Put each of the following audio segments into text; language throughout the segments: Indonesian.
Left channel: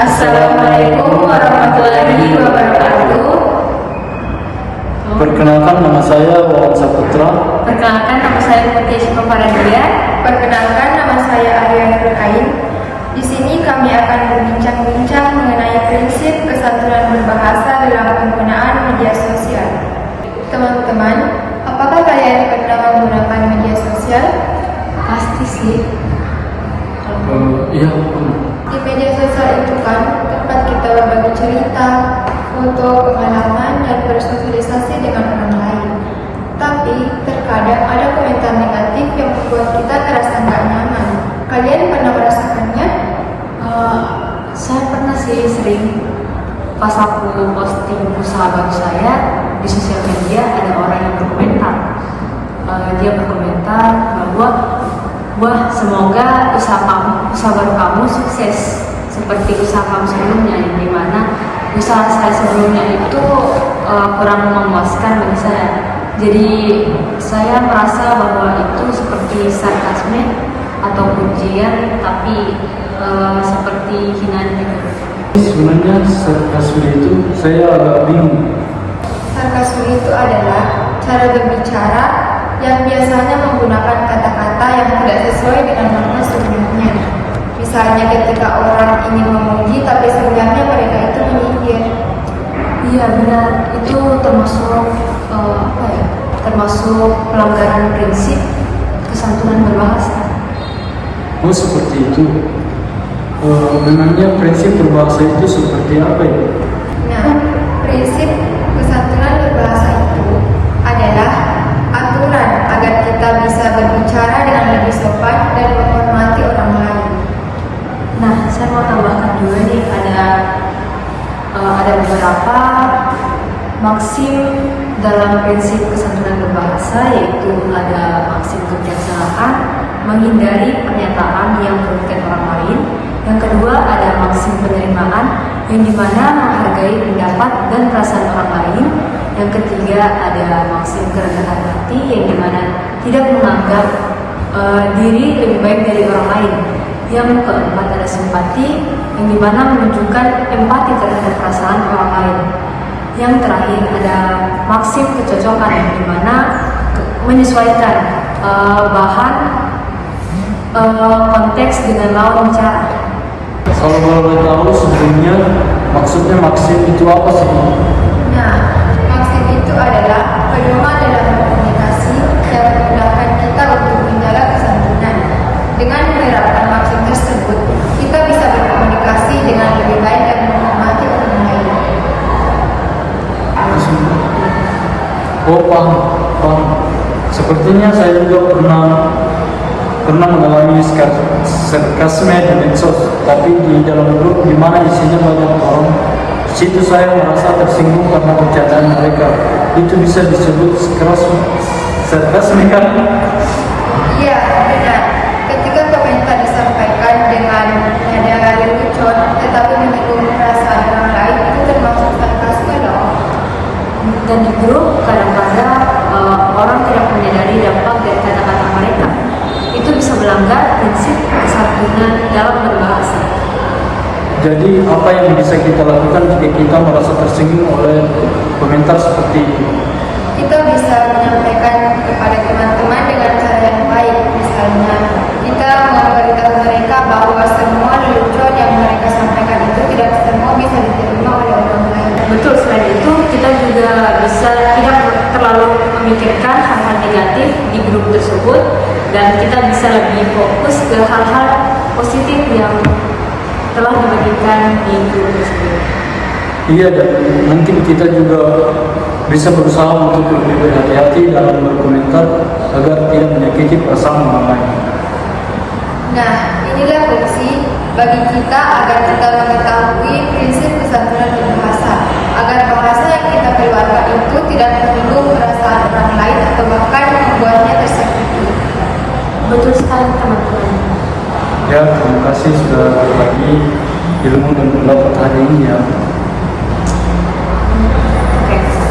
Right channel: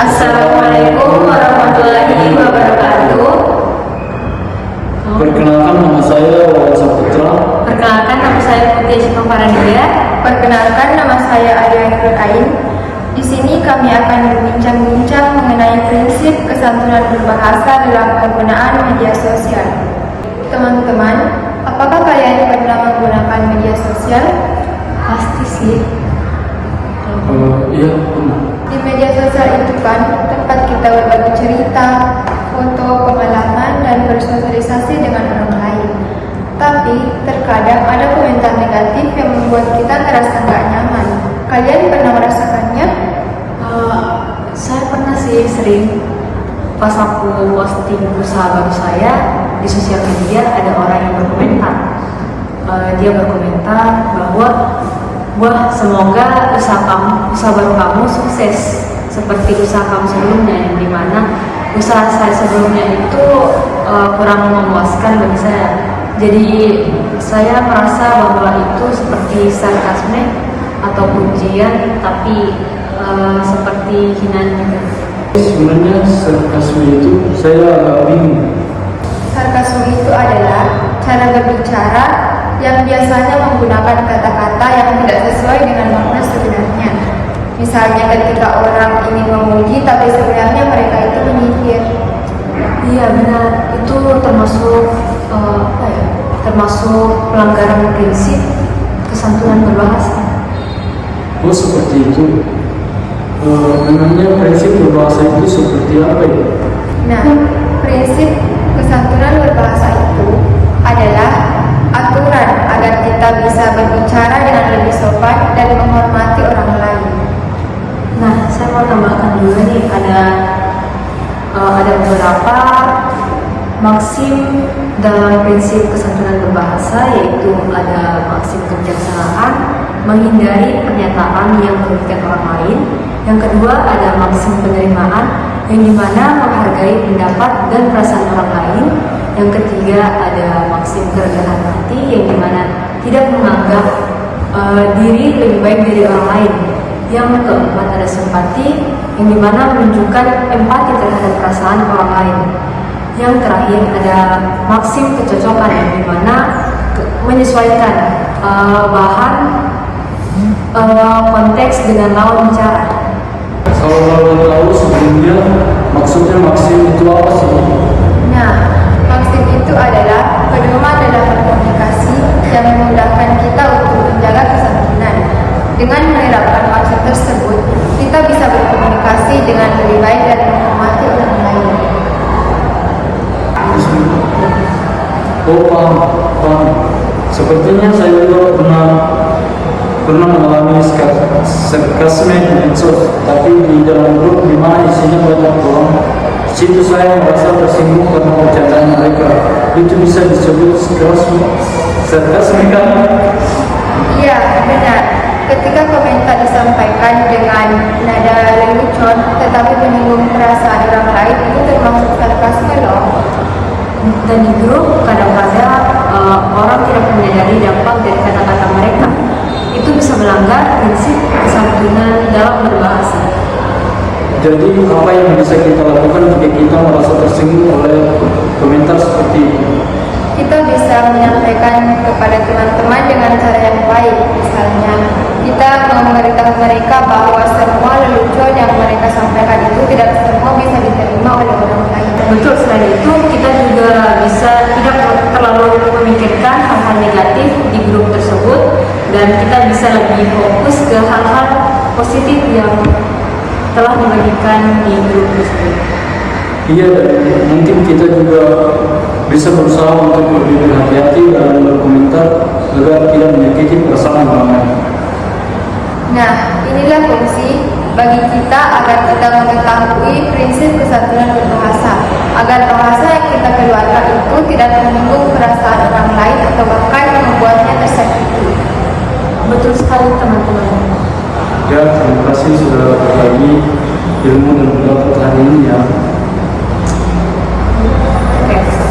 Assalamualaikum warahmatullahi wabarakatuh. Perkenalkan, nama saya Wawan Saputra. Perkenalkan, nama saya Putri Syifa Faradia. Perkenalkan, nama saya Ayu Nurkain. Di sini kami akan berbincang-bincang mengenai prinsip kesantunan berbahasa dalam penggunaan media sosial. Teman-teman, apakah kalian pernah menggunakan media sosial? Pasti sih. Iya, pernah. Di media sosial itu kan tempat kita berbagi cerita, foto, pengalaman, dan bersosialisasi dengan orang lain. Tapi terkadang ada komentar negatif yang membuat kita merasa nggak nyaman. Kalian pernah merasakannya? Saya pernah sih, sering pas aku posting usaha baru saya di sosial media, ada orang yang berkomentar. Dia berkomentar bahwa wah, semoga usaha baru kamu sukses seperti usaha kamu sebelumnya, yang dimana usaha saya sebelumnya itu kurang memuaskan bagi saya. Jadi saya merasa bahwa itu seperti sarkasme atau pujian, tapi seperti hinaan juga. Sebenarnya sarkasme itu saya agak bingung. Sarkasme itu adalah cara berbicara yang biasanya menggunakan kata-kata yang tidak sesuai dengan makna sebenarnya. Misalnya ketika orang ini memuji tapi sebenarnya mereka itu menyindir. Iya benar, itu termasuk termasuk pelanggaran prinsip kesantunan berbahasa. Oh, seperti itu. Memangnya prinsip berbahasa itu seperti apa ya? Nah, prinsip kesantunan berbahasa itu adalah aturan agar kita bisa berbicara dengan lebih sopan dan menghormati orang lain. Nah, saya mau tambahkan juga nih, ada beberapa maksim dalam prinsip kesantunan berbahasa, yaitu ada maksim kebijaksanaan, menghindari pernyataan yang merugikan orang lain. Yang kedua, ada maksim penerimaan, yang dimana menghargai pendapat dan perasaan orang lain. Yang ketiga, ada maksim kerendahan hati, yang dimana tidak menganggap diri lebih baik dari orang lain. Yang keempat, ada simpati, yang dimana menunjukkan empati terhadap perasaan orang lain. Yang terakhir, ada maksim kecocokan, yang dimana menyesuaikan bahan konteks dengan lawan bicara. Kalau boleh tahu sebelumnya maksudnya maksim itu apa sih? Nah, maksim itu adalah pedoman dalam komunikasi yang memudahkan kita untuk menjaga kesantunan. Dengan menerapkan maksim tersebut, kita bisa berkomunikasi dengan lebih baik dan menghormati orang lain. Oh, paham. Sepertinya saya juga pernah mengalami sarkasme di medsos, tapi di dalam grup di mana isinya banyak orang. Di situ saya merasa tersinggung karena percakapan mereka. Itu bisa disebut sarkasme kan? Iya, benar. Ketika komentar disampaikan dengan nada lelucon tetapi menyinggung perasaan orang lain, itu termasuk sarkasme loh. Dan di grup kadang-kadang orang tidak menyadari dampak dari kata-kata mereka. Itu bisa melanggar prinsip kesantunan dalam berbahasa. Jadi apa yang bisa kita lakukan jika kita merasa tersinggung oleh komentar seperti itu? Kita bisa menyampaikan kepada teman-teman dengan cara yang baik. Misalnya, kita memberitahu mereka bahwa semua lelucon yang mereka sampaikan itu tidak semua bisa diterima oleh orang lain. Betul, selain itu kita juga bisa tidak terlalu memikirkan hal-hal negatif di grup tersebut, dan kita bisa lebih fokus ke hal-hal positif yang telah dibagikan di grup tersebut. Iya, dan mungkin kita juga bisa berusaha untuk lebih berhati-hati dalam berkomentar agar tidak menyakiti perasaan orang lain. Nah, inilah fungsi bagi kita agar kita mengetahui prinsip kesantunan berbahasa, agar bahasa yang kita keluarkan itu tidak menyinggung perasaan orang lain atau bahkan membuatnya tersakiti. Betul sekali teman-teman. Ya, terima kasih sudah berbagi ilmu dan pendapat hari ini ya.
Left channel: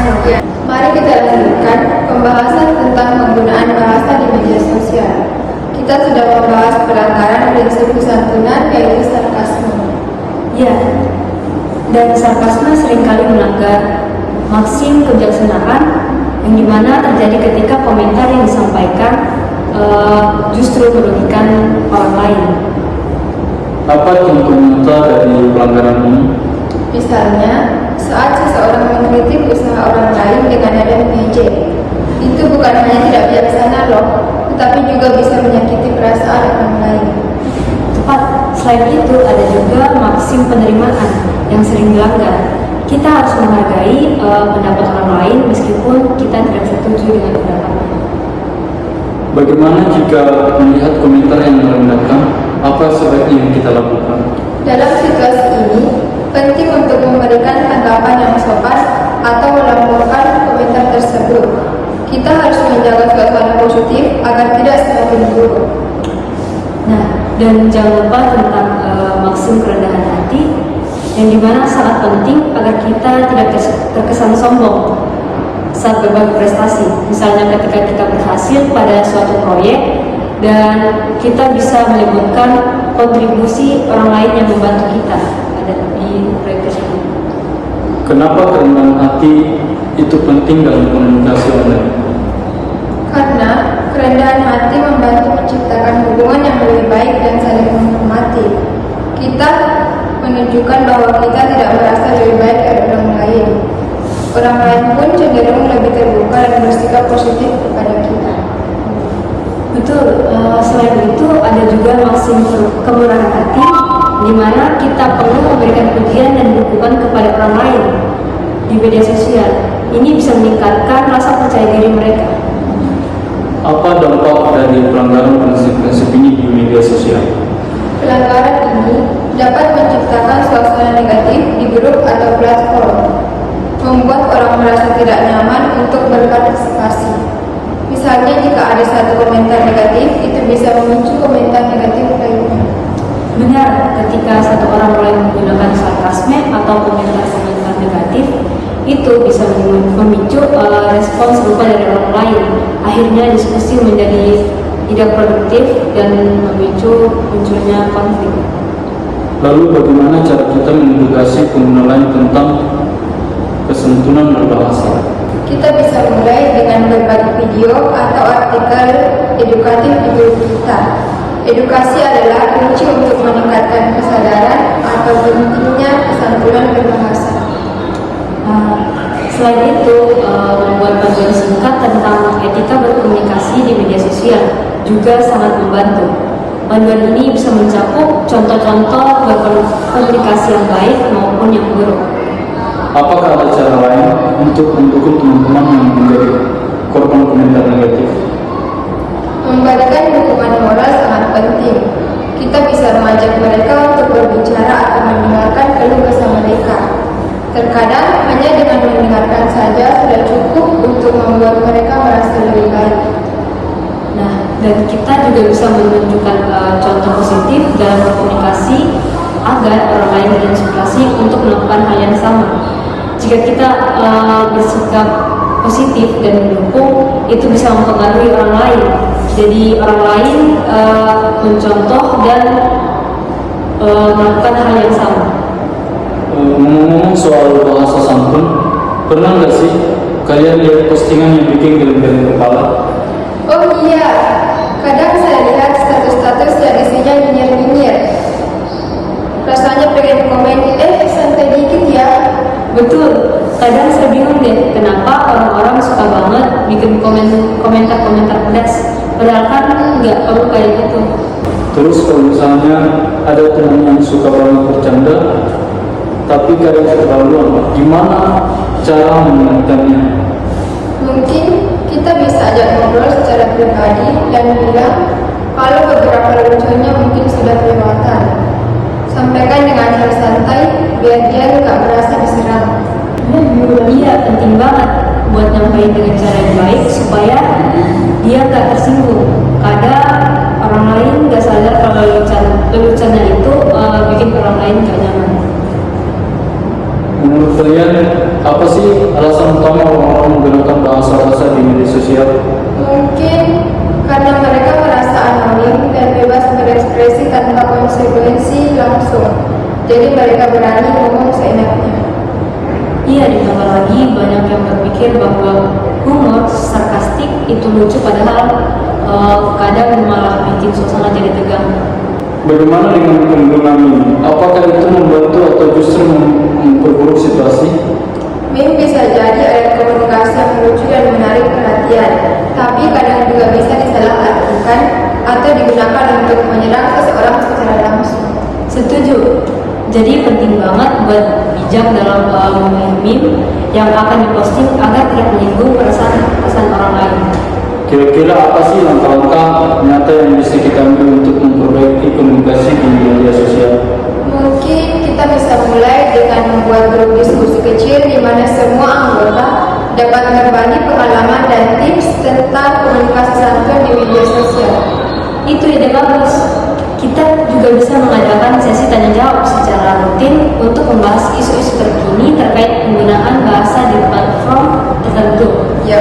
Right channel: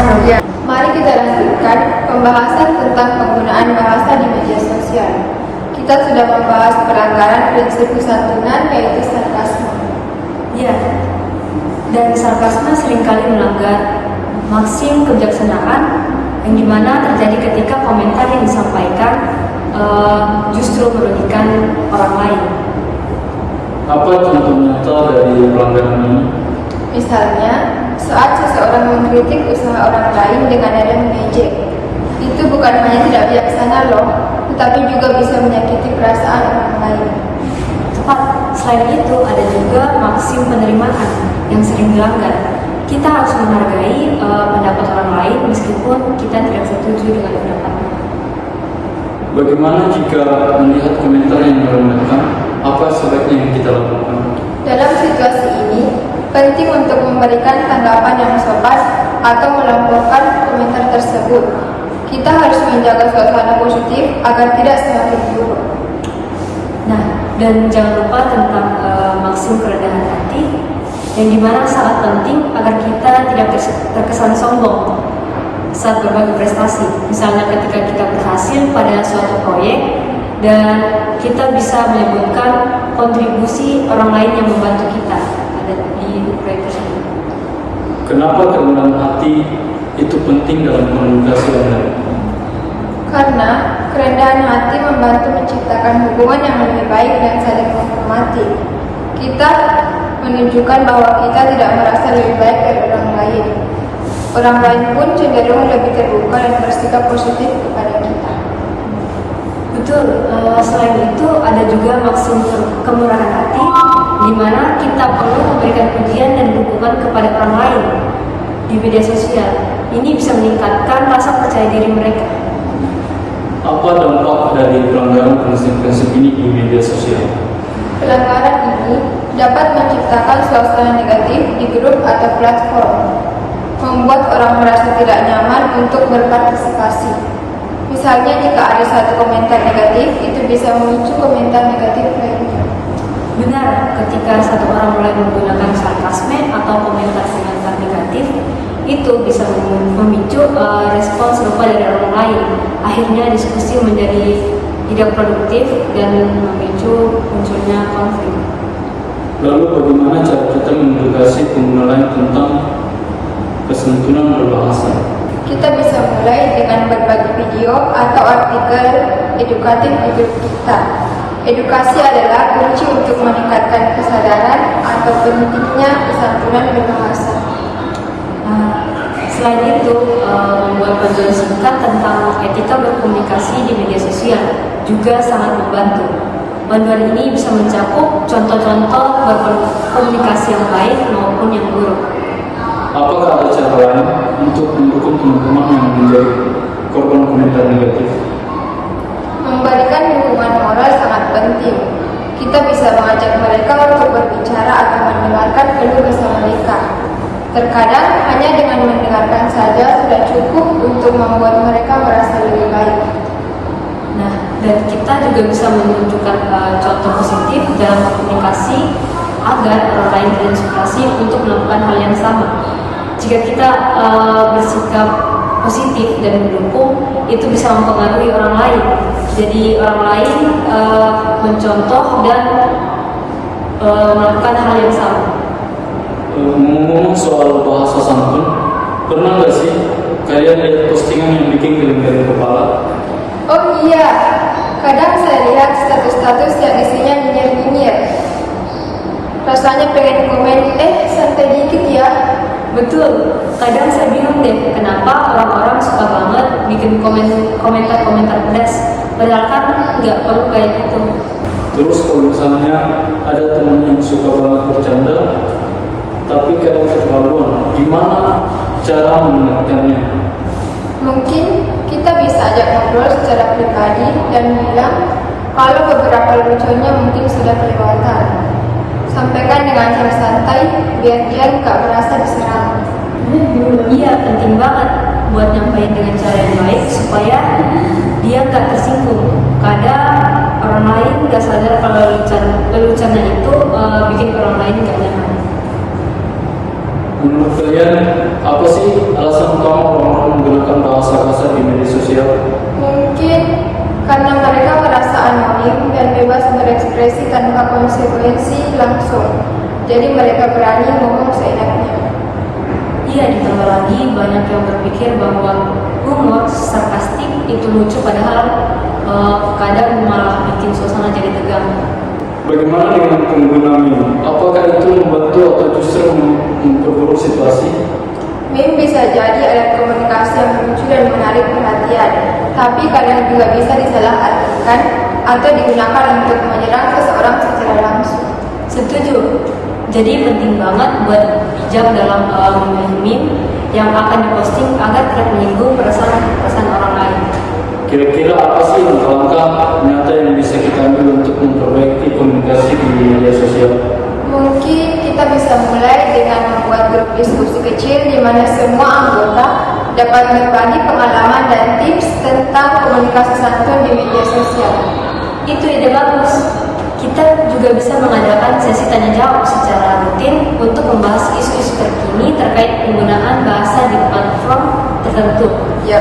Oke, Mari kita lanjutkan pembahasan tentang penggunaan bahasa di media sosial. Kita sudah membahas pelanggaran prinsip kesantunan, yaitu sarkasme. Ya, dan sarkasme seringkali melanggar maksim kebijaksanaan yang dimana terjadi ketika komentar yang disampaikan justru merugikan orang lain. Apa contoh nyata dari pelanggaran ini? Misalnya, saat seseorang mengkritik usaha orang lain dengan nada mengejek, itu bukan hanya tidak bijaksana loh, tetapi juga bisa menyakiti perasaan orang lain. Tepat, selain itu ada juga maksim penerimaan yang sering dilanggar. Kita harus menghargai pendapat orang lain meskipun kita tidak setuju dengan pendapatnya. Bagaimana jika melihat komentar yang merendahkan? Apa sebaiknya yang kita lakukan? Dalam situasi ini, penting untuk memberikan tanggapan yang sopan atau melaporkan komentar tersebut. Kita harus menjaga suasana positif agar tidak semakin buruk. Nah, dan jangan lupa tentang maksim kerendahan hati yang dimana sangat penting agar kita tidak terkesan sombong saat berbagi prestasi. Misalnya ketika kita berhasil pada suatu proyek dan kita bisa menyebutkan kontribusi orang lain yang membantu kita pada di proyek tersebut. Kenapa kerendahan hati itu penting dalam komunikasi Anda? Karena kerendahan hati membantu menciptakan hubungan yang lebih baik dan saling menghormati. Kita menunjukkan bahwa kita tidak merasa lebih baik dari orang lain. Orang lain pun cenderung lebih terbuka dan bersikap positif kepada kita. Betul, selain itu ada juga maksim kemurahan hati di mana kita perlu memberikan pujian dan dukungan kepada orang lain di media sosial. Ini bisa meningkatkan rasa percaya diri mereka. Apa dampak dari pelanggaran prinsip-prinsip ini di media sosial? Pelanggaran ini dapat menciptakan suasana negatif di grup atau platform, membuat orang merasa tidak nyaman untuk berpartisipasi. Misalnya jika ada satu komentar negatif, itu bisa memicu komentar negatif lainnya. Benar, ketika satu orang mulai menggunakan sarkasme atau komentar-komentar negatif, itu bisa memicu respon serupa dari orang lain. Akhirnya diskusi menjadi tidak produktif dan memicu munculnya konflik. Lalu bagaimana cara kita mengedukasi pengguna lain tentang kesantunan berbahasa? Kita bisa mulai dengan berbagi video atau artikel edukatif di grup kita. Edukasi adalah kunci untuk meningkatkan kesadaran atau pentingnya kesantunan berbahasa. Selain itu, membuat panduan singkat tentang etika berkomunikasi di media sosial juga sangat membantu. Panduan ini bisa mencakup contoh-contoh berkomunikasi yang baik maupun yang buruk. Apakah ada cara lain untuk mendukung teman-teman yang menjadi korban komentar negatif? Memberikan dukungan moral sangat penting. Kita bisa mengajak mereka untuk berbicara atau mendengarkan keluh kesah mereka. Terkadang hanya dengan mendengarkan saja sudah cukup untuk membuat mereka merasa lebih baik. Nah, dan kita juga bisa menunjukkan contoh positif dalam berkomunikasi agar orang lain terinspirasi untuk melakukan hal yang sama. Jika kita bersikap positif dan mendukung, itu bisa mempengaruhi orang lain. Jadi orang lain mencontoh dan melakukan hal yang sama. Ngomong soal bahasa santun, pernah nggak sih kalian lihat postingan yang bikin geleng-geleng kepala? Oh iya, kadang saya lihat status-status yang isinya nyinyir-nyinyir. Rasanya pengen komen, santai dikit ya. Betul, kadang saya bingung deh kenapa orang-orang suka banget bikin komentar-komentar pedas, padahal kan nggak perlu kayak gitu. Terus kalau misalnya ada teman yang suka banget bercanda, tapi kadang keterlaluan, gimana cara menentukannya? Mungkin kita bisa ajak ngobrol secara pribadi dan bilang kalau beberapa lucunya mungkin sudah kelewatan. Sampaikan dengan cara santai biar dia nggak merasa diserang. Iya, penting banget buat nyampaikan dengan cara yang baik supaya dia nggak tersinggung. Kadang orang lain nggak sadar kalau leluconnya itu bikin orang lain nggak nyaman. Menurut kalian, apa sih alasan utama orang-orang menggunakan bahasa kasar di media sosial? Mungkin karena mereka merasa anonim dan bebas berekspresi tanpa konsekuensi langsung. jadi mereka berani ngomong seenaknya. Iya, ditambah lagi banyak yang berpikir bahwa humor sarkastik itu lucu, padahal kadang malah bikin suasana jadi tegang. Bagaimana dengan penggunaan meme? Apakah itu membantu atau justru memperburuk situasi? Meme bisa jadi alat komunikasi yang lucu dan menarik perhatian, tapi kadang juga bisa disalahartikan atau digunakan untuk menyerang seseorang secara langsung. Setuju. Jadi penting banget buat bijak dalam memilih meme yang akan diposting agar tidak menyinggung perasaan orang lain. Kira-kira apa sih langkah-langkah nyata yang bisa kita ambil untuk memperbaiki komunikasi di media sosial? Mungkin kita bisa mulai dengan membuat grup diskusi kecil di mana semua anggota dapat berbagi pengalaman dan tips tentang komunikasi santun di media sosial. Itu ide bagus. Kita juga bisa mengadakan sesi tanya jawab secara rutin untuk membahas isu-isu terkini terkait penggunaan bahasa di platform tertentu. Ya.